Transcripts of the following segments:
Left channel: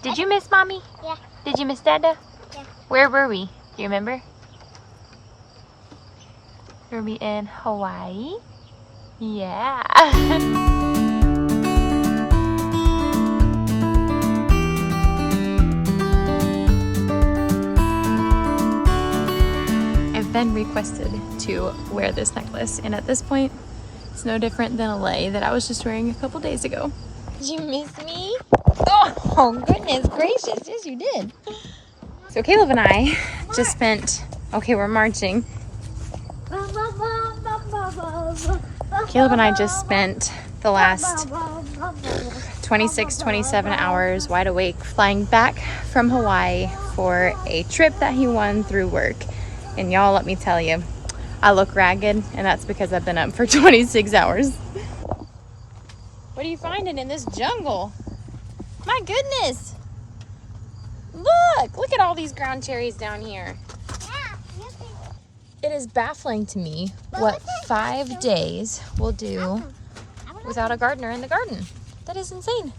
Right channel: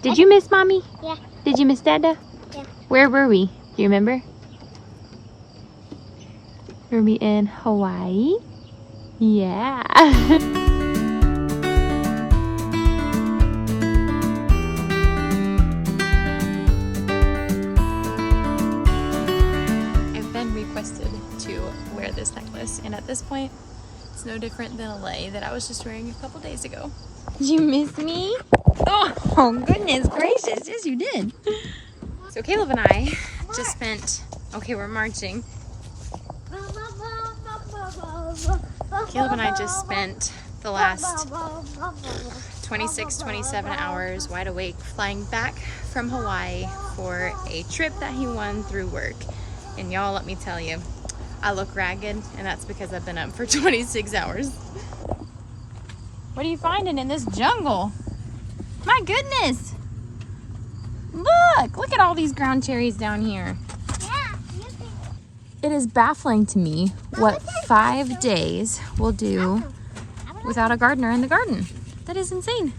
Did you miss Mommy? Yeah. Did you miss Dada? Yeah. Where were we? Do you remember? Were we in Hawaii? Yeah. I've been requested to wear this necklace, and at this point, it's no different than a lei that I was just wearing a couple days ago. Did you miss me? Oh goodness gracious, yes you did. So Caleb and I just spent, okay, we're marching. Caleb and I just spent the last 26, 27 hours wide awake flying back from Hawaii for a trip that he won through work. And y'all, let me tell you, I look ragged, and that's because I've been up for 26 hours. What are you finding in this jungle? My goodness. Look at all these ground cherries down here. Yeah. It is baffling to me what 5 days will do without a gardener in the garden. That is insane.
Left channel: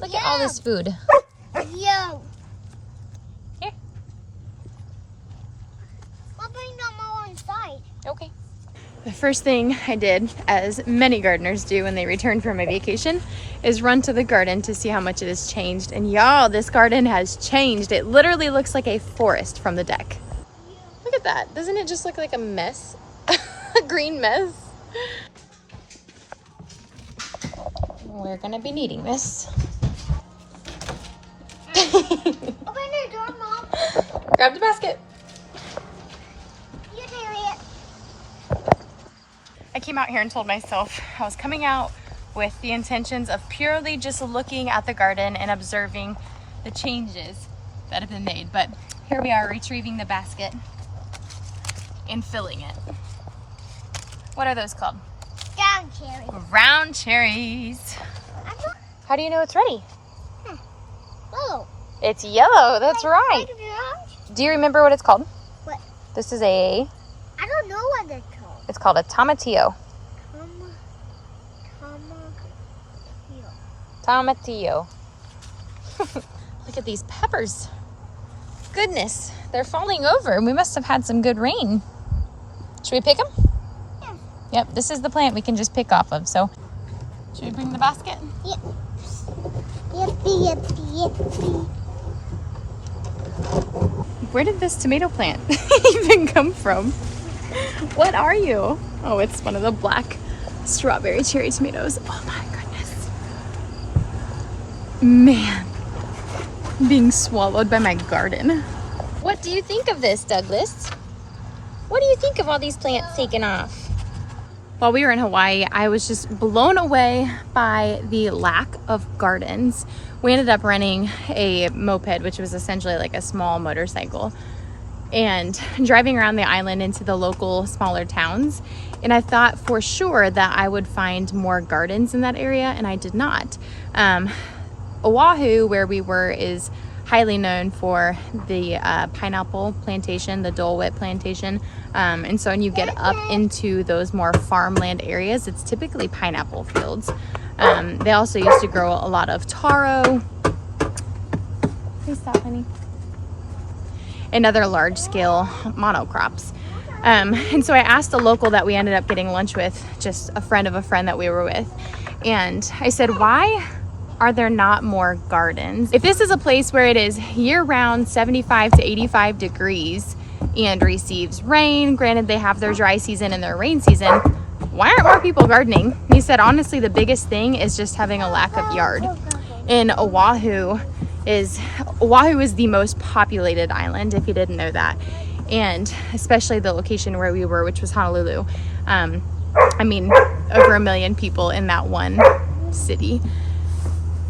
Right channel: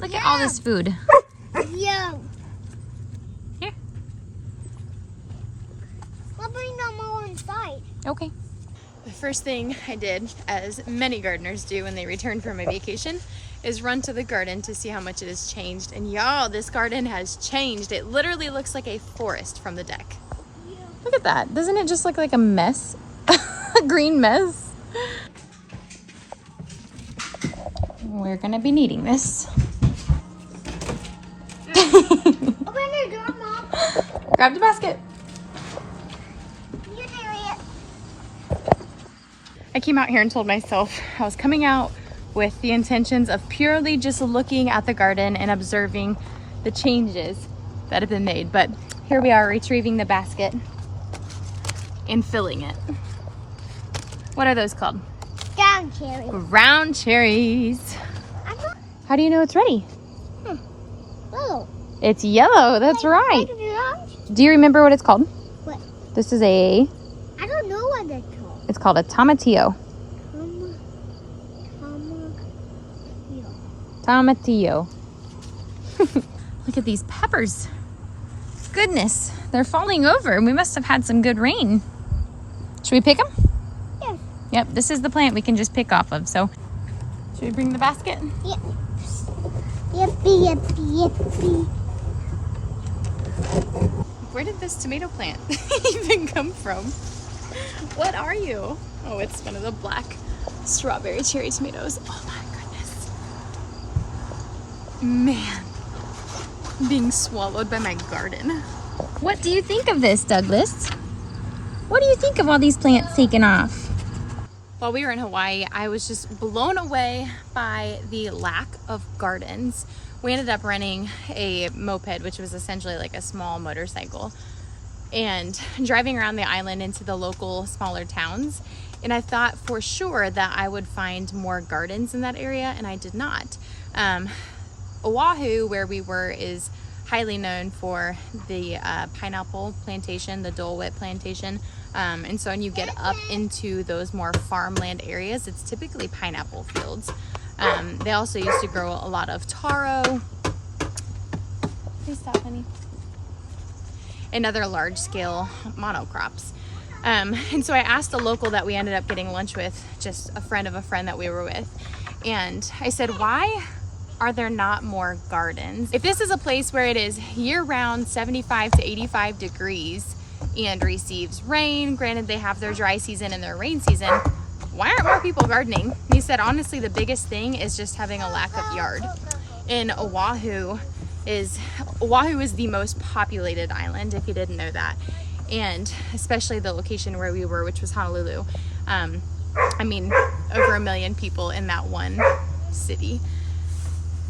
Look at all this food. Yo. Here. I'll bring them all inside. Okay. The first thing I did, as many gardeners do when they return from a vacation, is run to the garden to see how much it has changed. And y'all, this garden has changed. It literally looks like a forest from the deck. Look at that. Doesn't it just look like a mess? A green mess? We're gonna be needing this. Open the door, Mom. Grab the basket. You carry it. I came out here and told myself I was coming out with the intentions of purely just looking at the garden and observing the changes that have been made. But here we are retrieving the basket and filling it. What are those called? Down, cherry. Round cherries. How do you know it's ready? Oh. It's yellow, that's right. Like orange? Do you remember what it's called? What? This is a, I don't know what they're called. it's called a tomatillo. Tomatillo. Look at these peppers. Goodness, they're falling over. We must have had some good rain. Should we pick them? Yeah. Yep, this is the plant we can just pick off of. So, should we bring the basket? Yep. Yippee. Where did this tomato plant even come from? What are you? Oh, it's one of the black strawberry cherry tomatoes. Oh my goodness. Man, being swallowed by my garden. What do you think of this, Douglas? What do you think of all these plants taken off? While we were in Hawaii, I was just blown away by the lack of gardens. We ended up renting a moped, which was essentially like a small motorcycle, and driving around the island into the local smaller towns. And I thought for sure that I would find more gardens in that area, and I did not. Oahu, where we were, is highly known for the pineapple plantation, the Dole Whip plantation. And so when you get up into those more farmland areas, it's typically pineapple fields. They also used to grow a lot of taro. Please stop, honey. And other large scale monocrops. And so I asked the local that we ended up getting lunch with, just a friend of a friend that we were with. And I said, why are there not more gardens? If this is a place where it is year-round 75 to 85 degrees and receives rain, granted they have their dry season and their rain season, why aren't more people gardening? And he said, honestly, the biggest thing is just having a lack of yard. In Oahu is the most populated island, if you didn't know that. And especially the location where we were, which was Honolulu. I mean, over 1 million people in that one city.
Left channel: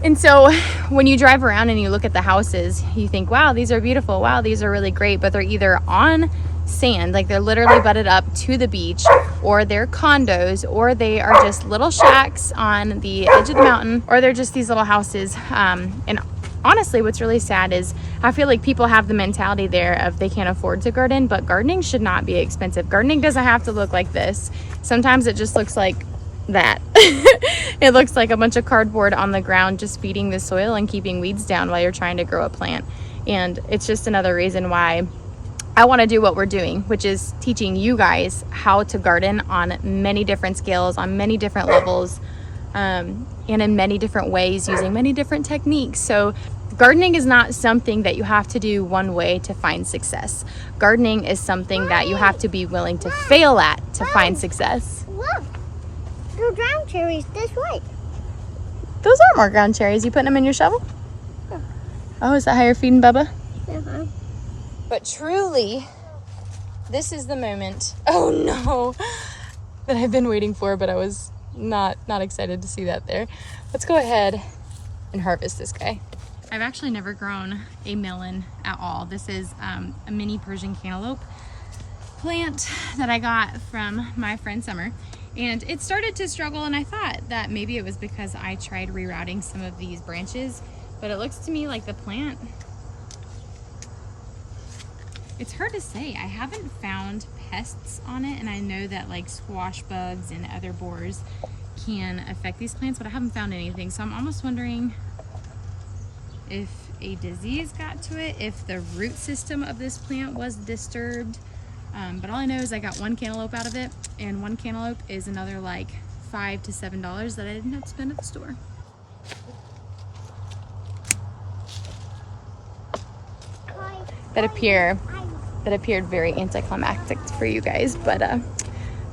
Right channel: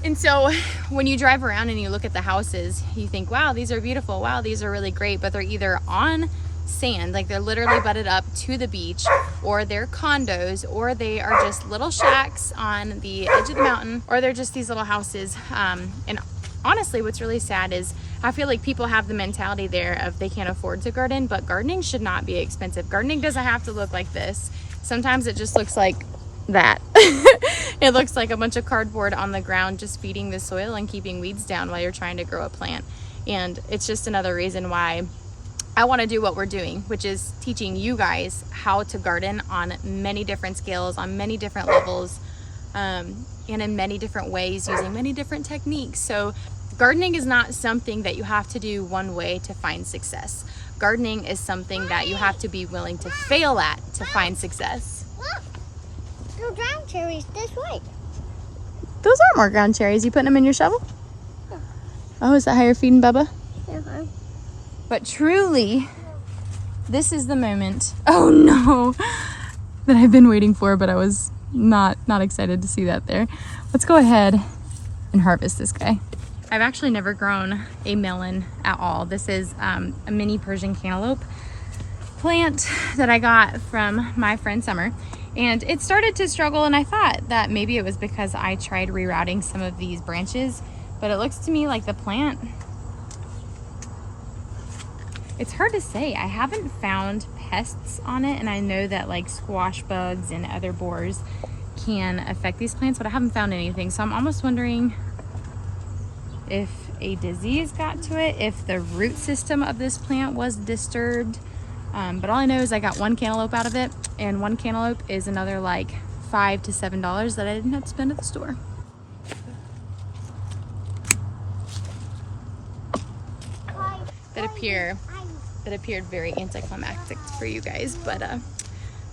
And so when you drive around and you look at the houses, you think, wow, these are beautiful. Wow, these are really great. But they're either on sand, like they're literally butted up to the beach, or they're condos, or they are just little shacks on the edge of the mountain, or they're just these little houses. And honestly, what's really sad is I feel like people have the mentality there of they can't afford to garden, but gardening should not be expensive. Gardening doesn't have to look like this. Sometimes it just looks like that. It looks like a bunch of cardboard on the ground just feeding the soil and keeping weeds down while you're trying to grow a plant. And it's just another reason why I want to do what we're doing, which is teaching you guys how to garden on many different scales, on many different levels, and in many different ways, using many different techniques. So gardening is not something that you have to do one way to find success. Gardening is something that you have to be willing to fail at to find success. Look, there are ground cherries this way. Those are more ground cherries. You putting them in your shovel? Yeah. Oh, is that how you're feeding Bubba? Uh-huh. But truly, this is the moment, oh no, that I've been waiting for, but I was not excited to see that there. Let's go ahead and harvest this guy. I've actually never grown a melon at all. This is a mini Persian cantaloupe plant that I got from my friend Summer. And it started to struggle, and I thought that maybe it was because I tried rerouting some of these branches, but it looks to me like the plant, it's hard to say. I haven't found pests on it, and I know that like squash bugs and other borers can affect these plants, but I haven't found anything. So I'm almost wondering if a disease got to it, if the root system of this plant was disturbed. But all I know is I got one cantaloupe out of it, and one cantaloupe is another like $5 to $7 that I didn't have to spend at the store. That appeared very anticlimactic for you guys, but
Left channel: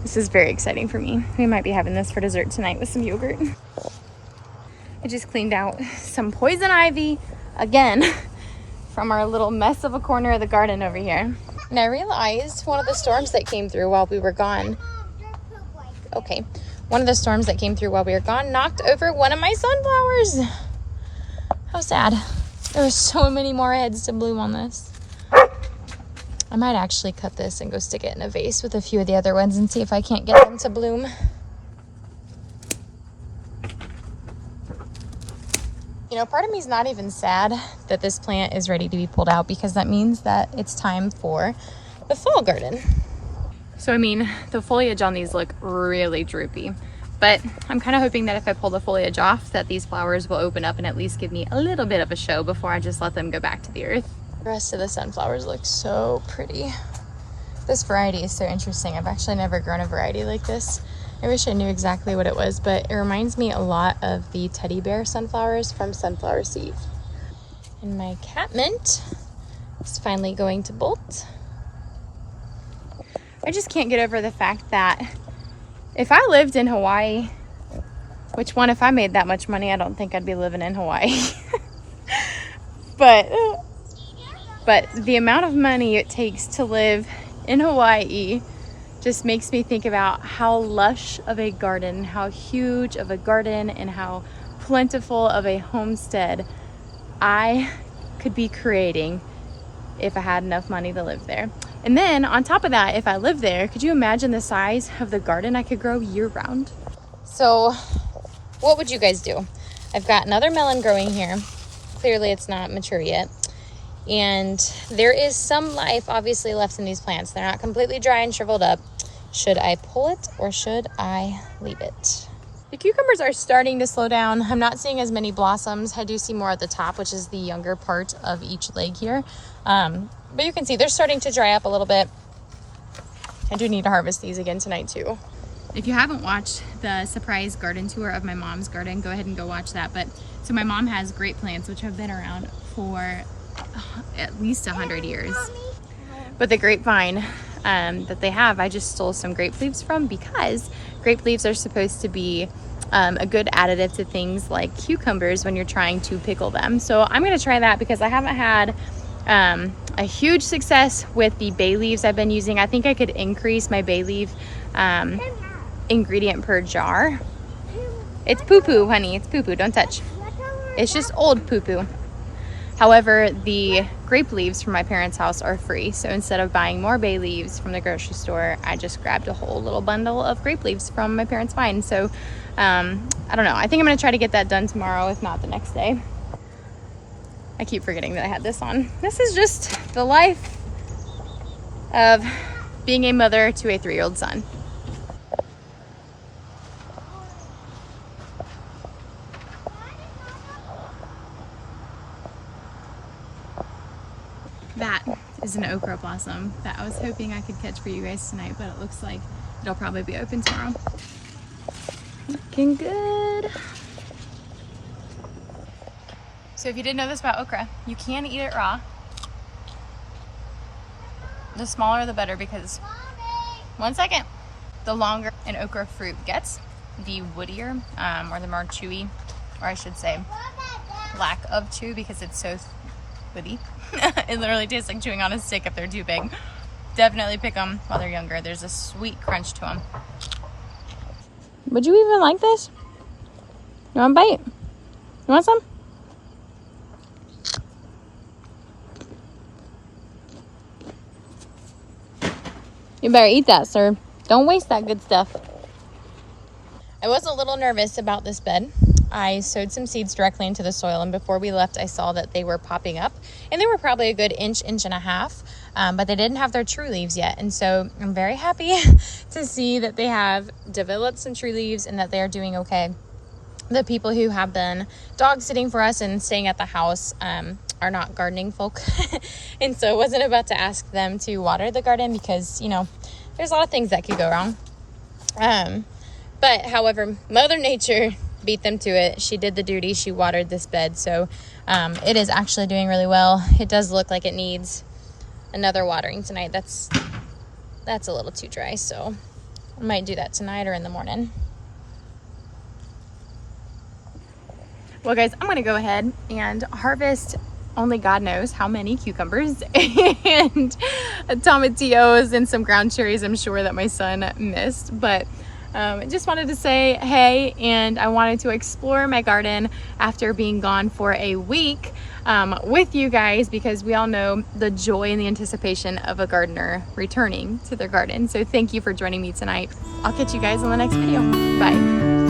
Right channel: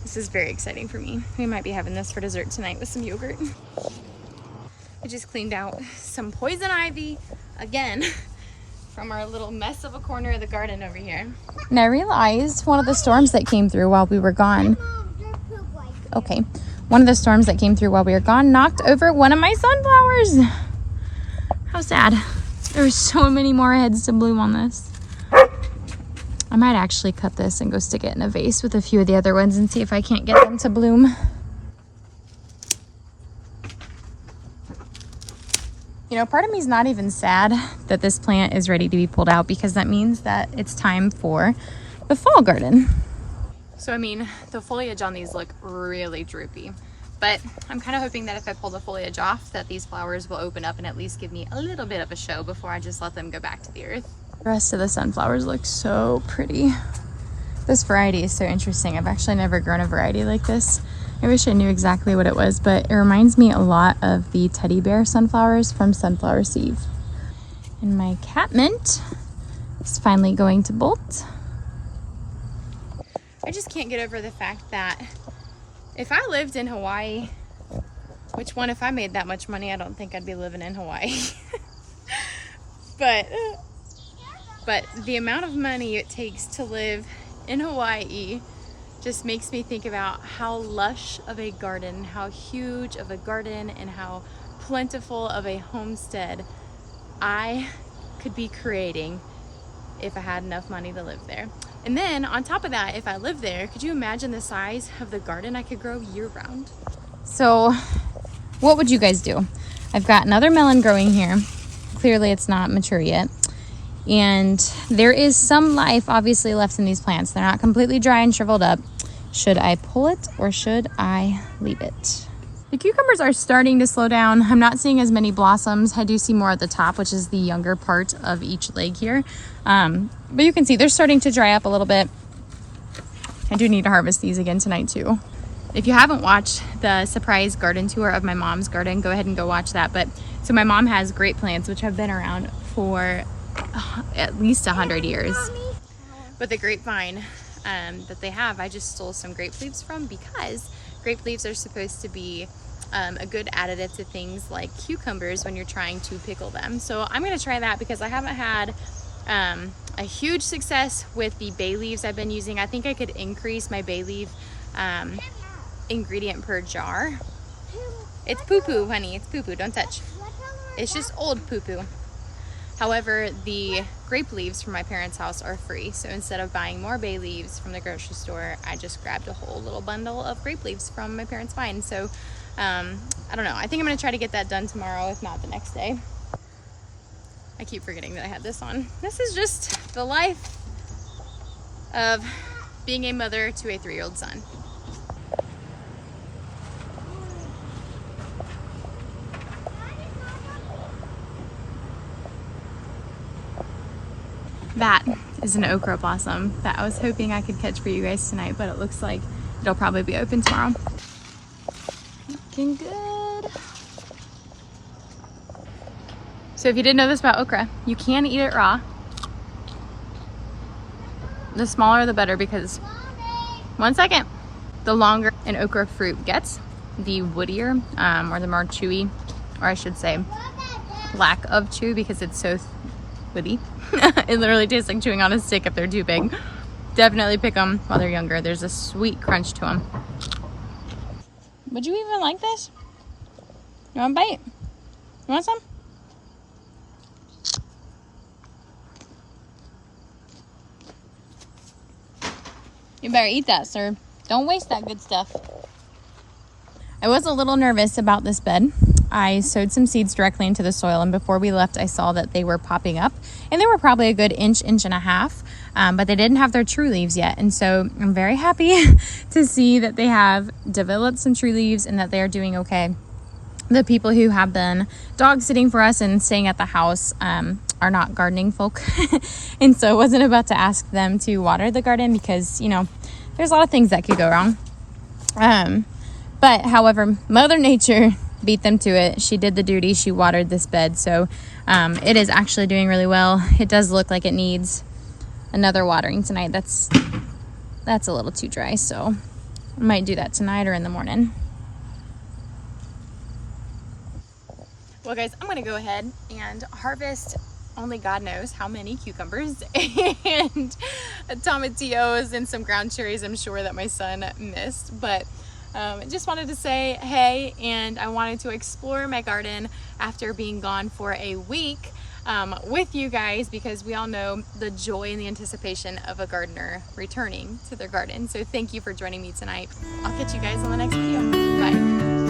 this is very exciting for me. We might be having this for dessert tonight with some yogurt. I just cleaned out some poison ivy again from our little mess of a corner of the garden over here. And I realized one of the storms that came through while we were gone. Okay, one of the storms that came through while we were gone knocked over one of my sunflowers. How sad. There were so many more heads to bloom on this. I might actually cut this and go stick it in a vase with a few of the other ones and see if I can't get them to bloom. You know, part of me is not even sad that this plant is ready to be pulled out, because that means that it's time for the fall garden. So I mean, the foliage on these look really droopy, but I'm kind of hoping that if I pull the foliage off, that these flowers will open up and at least give me a little bit of a show before I just let them go back to the earth. The rest of the sunflowers look so pretty. This variety is so interesting. I've actually never grown a variety like this. I wish I knew exactly what it was, but it reminds me a lot of the teddy bear sunflowers from Sunflower Seed. And my catmint is finally going to bolt. I just can't get over the fact that if I lived in Hawaii, which one, if I made that much money, I don't think I'd be living in Hawaii. But the amount of money it takes to live in Hawaii just makes me think about how lush of a garden, how huge of a garden, and how plentiful of a homestead I could be creating if I had enough money to live there. And then on top of that, if I lived there, could you imagine the size of the garden I could grow year round? So what would you guys do? I've got another melon growing here. Clearly it's not mature yet. And there is some life obviously left in these plants. They're not completely dry and shriveled up. Should I pull it or should I leave it? The cucumbers are starting to slow down. I'm not seeing as many blossoms. I do see more at the top, which is the younger part of each leg here. But you can see they're starting to dry up a little bit. I do need to harvest these again tonight too. If you haven't watched the surprise garden tour of my mom's garden, go ahead and go watch that. But so my mom has grape plants, which have been around for at least 100 years. But the grapevine that they have, I just stole some grape leaves from, because grape leaves are supposed to be a good additive to things like cucumbers when you're trying to pickle them. So I'm going to try that, because I haven't had a huge success with the bay leaves I've been using. I think I could increase my bay leaf ingredient per jar. It's poo-poo, honey. It's poo-poo. Don't touch. It's just old poo-poo. However, the grape leaves from my parents' house are free. So instead of buying more bay leaves from the grocery store, I just grabbed a whole little bundle of grape leaves from my parents' vine. So I don't know. I think I'm going to try to get that done tomorrow, if not the next day. I keep forgetting that I had this on. This is just the life of being a mother to a 3-year-old son. That is an okra blossom that I was hoping I could catch for you guys tonight, but it looks like it'll probably be open tomorrow. Looking good. So if you didn't know this about okra, you can eat it raw. The smaller the better, because the longer an okra fruit gets, the woodier or the more chewy, or I should say lack of chew, because it's so woody. It literally tastes like chewing on a stick if they're too big. Definitely pick them while they're younger. There's a sweet crunch to them. Would you even like this? You want a bite? You want some? You better eat that, sir. Don't waste that good stuff. I was a little nervous about this bed. I sowed some seeds directly into the soil, and before we left I saw that they were popping up, and they were probably a good inch and a half, but they didn't have their true leaves yet. And so I'm very happy to see that they have developed some true leaves and that they are doing okay. The people who have been dog sitting for us and staying at the house are not gardening folk. And so I wasn't about to ask them to water the garden because, you know, there's a lot of things that could go wrong. But however, Mother Nature beat them to it. She did the duty. She watered this bed. So it is actually doing really well. It does look like it needs another watering tonight. That's a little too dry. So I might do that tonight or in the morning. Well guys, I'm gonna go ahead and harvest only God knows how many cucumbers and tomatillos and some ground cherries I'm sure that my son missed. But I just wanted to say hey, and I wanted to explore my garden after being gone for a week with you guys, because we all know the joy and the anticipation of a gardener returning to their garden. So thank you for joining me tonight. I'll catch you guys on the next video. Bye.